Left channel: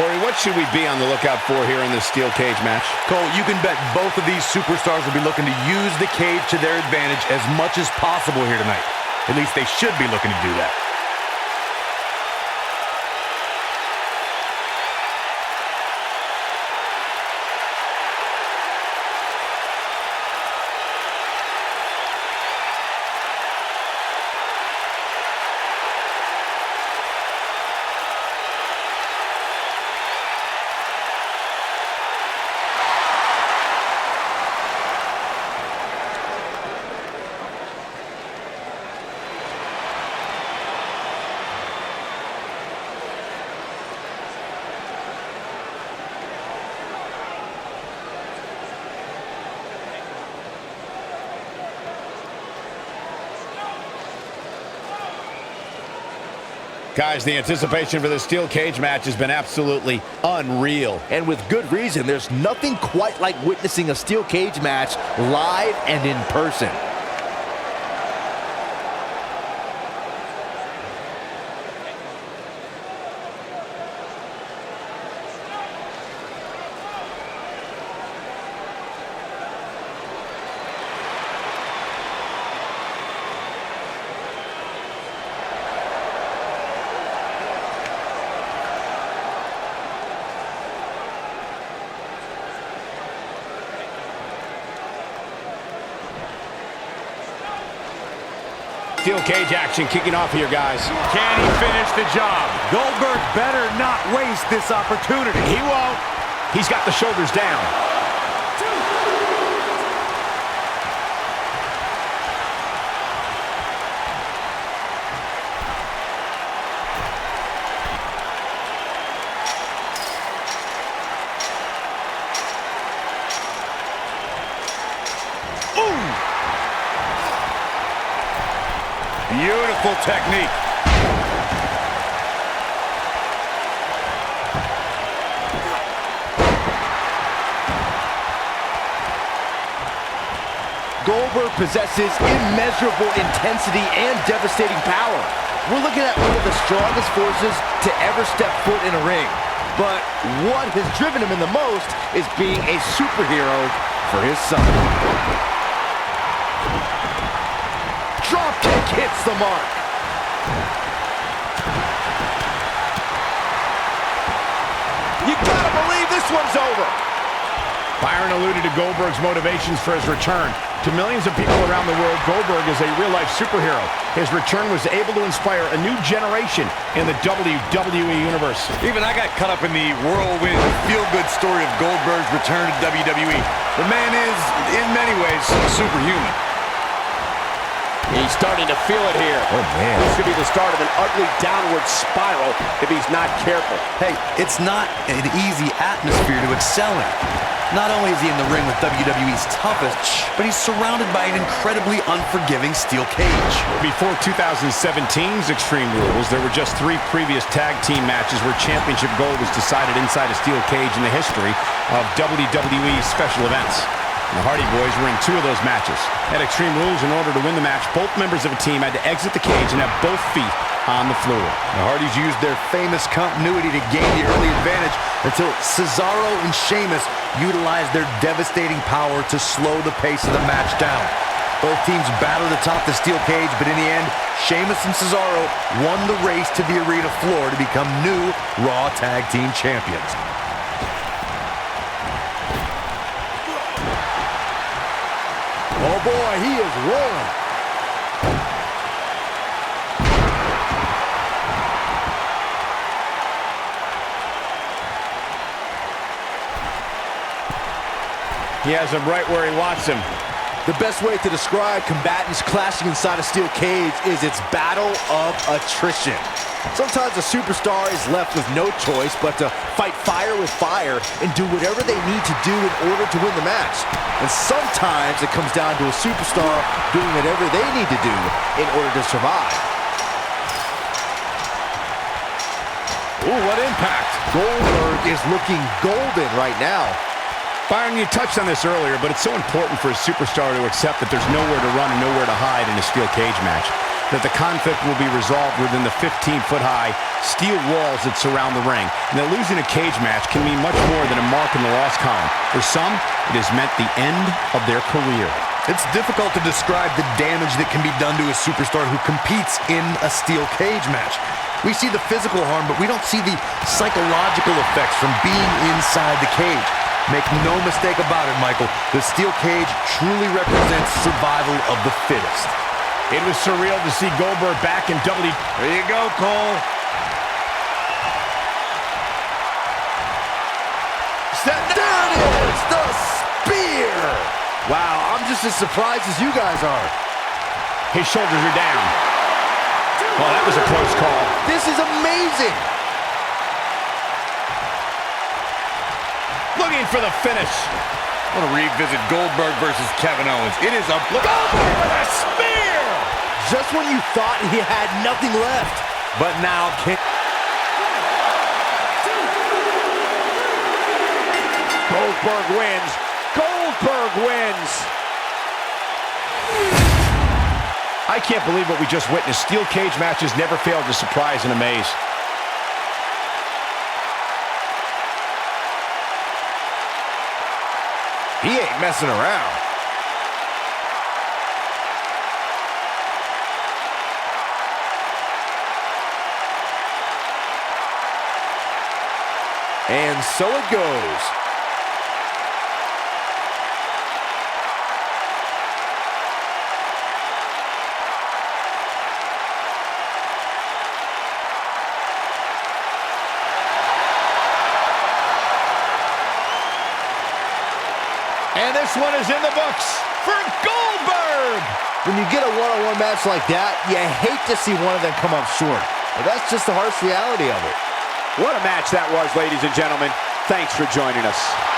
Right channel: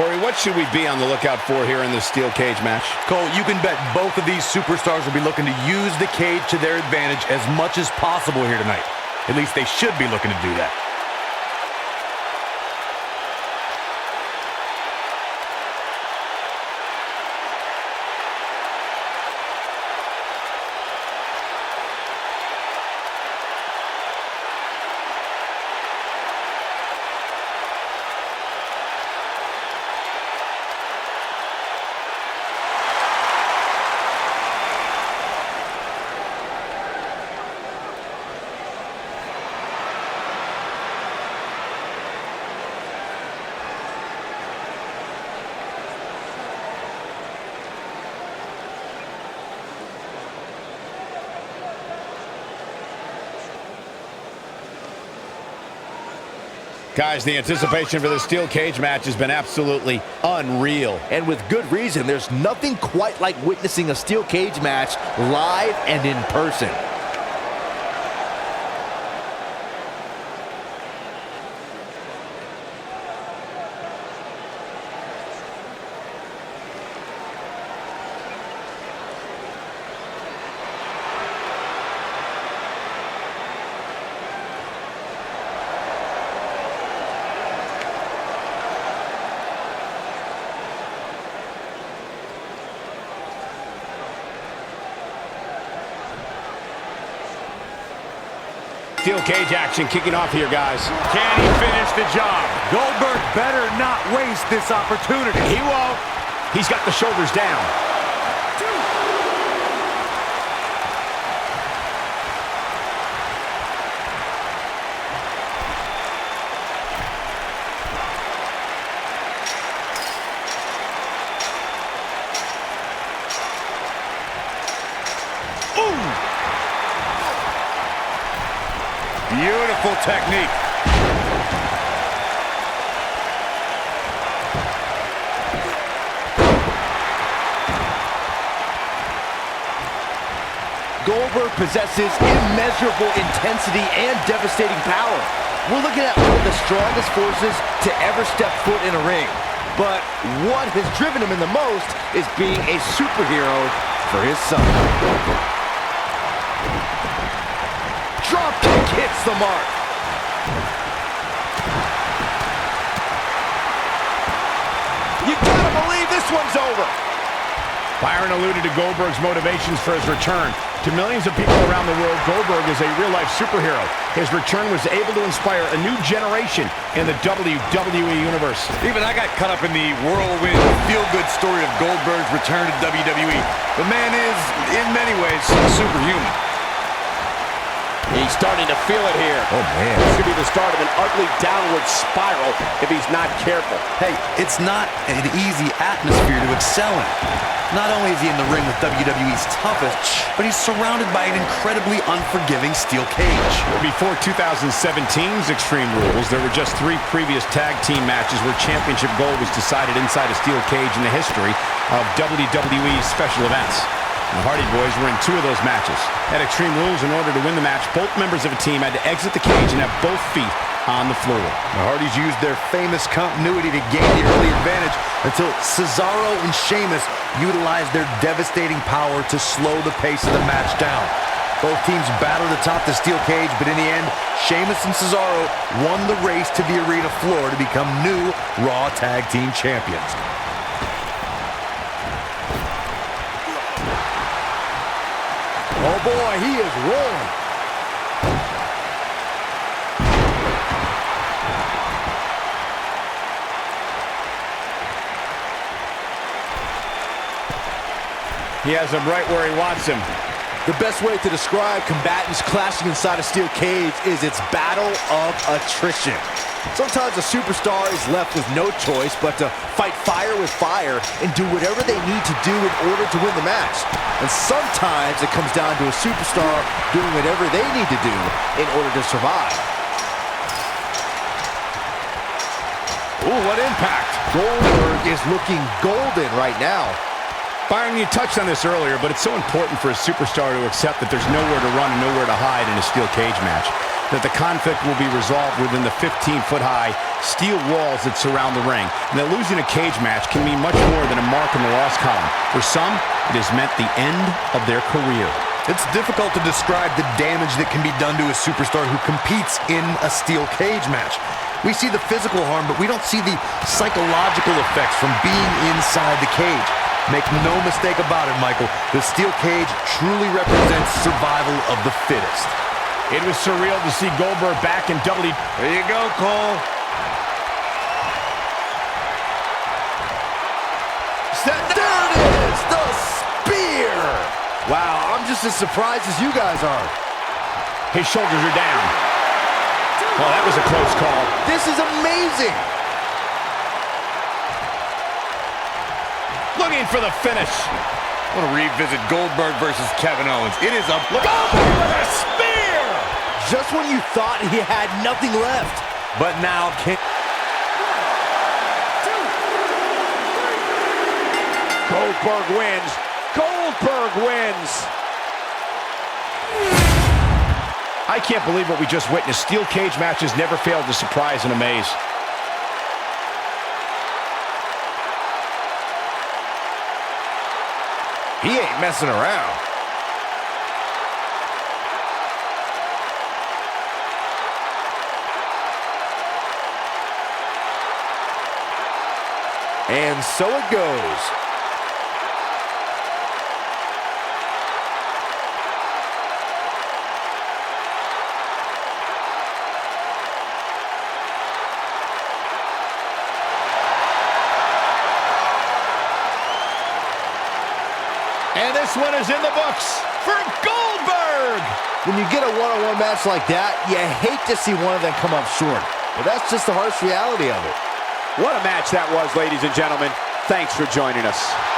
Corey, what should we be on the lookout for here in this steel cage match? Cole, you can bet both of these superstars will be looking to use the cage to their advantage as much as possible here tonight. At least they should be looking to do that. Guys, the anticipation for this steel cage match has been absolutely unreal. And with good reason. There's nothing quite like witnessing a steel cage match live and in person. Steel cage action kicking off here, guys. Can he finish the job? Goldberg better not waste this opportunity. He won't. He's got the shoulders down. Beautiful technique. Goldberg possesses immeasurable intensity and devastating power. We're looking at one of the strongest forces to ever step foot in a ring. But what has driven him in the most is being a superhero for his son. Dropkick hits the mark. You gotta believe this one's over. Byron alluded to Goldberg's motivations for his return. To millions of people around the world, Goldberg is a real-life superhero. His return was able to inspire a new generation in the WWE Universe. Even I got caught up in the whirlwind, feel-good story of Goldberg's return to WWE. The man is, in many ways, superhuman. He's starting to feel it here. Oh, man. This could be the start of an ugly downward spiral if he's not careful. Hey, it's not an easy atmosphere to excel in. Not only is he in the ring with WWE's toughest, but he's surrounded by an incredibly unforgiving steel cage. Before 2017's Extreme Rules, there were just 3 previous tag team matches where championship gold was decided inside a steel cage in the history of WWE special events. And the Hardy Boys were in 2 of those matches. At Extreme Rules, in order to win the match, both members of a team had to exit the cage and have both feet on the floor. The Hardys used their famous continuity to gain the early advantage until Cesaro and Sheamus utilized their devastating power to slow the pace of the match down. Both teams battled atop the steel cage, but in the end, Sheamus and Cesaro won the race to the arena floor to become new Raw Tag Team Champions. Oh boy, he is rolling. He has him right where he wants him. The best way to describe combatants clashing inside a steel cage is its battle of attrition. Sometimes a superstar is left with no choice but to fight fire with fire and do whatever they need to do in order to win the match. And sometimes it comes down to a superstar doing whatever they need to do in order to survive. Ooh, what impact. Goldberg is looking golden right now. Byron, you touched on this earlier, but it's so important for a superstar to accept that there's nowhere to run and nowhere to hide in a steel cage match. that the conflict will be resolved within the 15-foot-high steel walls that surround the ring, and that losing a cage match can mean much more than a mark in the loss column. For some, it has meant the end of their career. It's difficult to describe the damage that can be done to a superstar who competes in a steel cage match. We see the physical harm, but we don't see the psychological effects from being inside the cage. Make no mistake about it, Michael. The steel cage truly represents survival of the fittest. It was surreal to see Goldberg back in WWE. There you go, Cole. There it is! The spear! Wow, I'm just as surprised as you guys are. His shoulders are down. Well, that was a close call. This is amazing! Looking for the finish. I want to revisit Goldberg versus Kevin Owens. It is a Goldberg with a spear! Just when you thought he had nothing left. But now Goldberg wins. Goldberg wins. I can't believe what we just witnessed. Steel cage matches never fail to surprise and amaze. he ain't messing around. And so it goes. And this one is in the books for Goldberg! When you get a one-on-one match like that, you hate to see one of them come up short. But that's just the harsh reality of it. What a match that was, ladies and gentlemen. Thanks for joining us.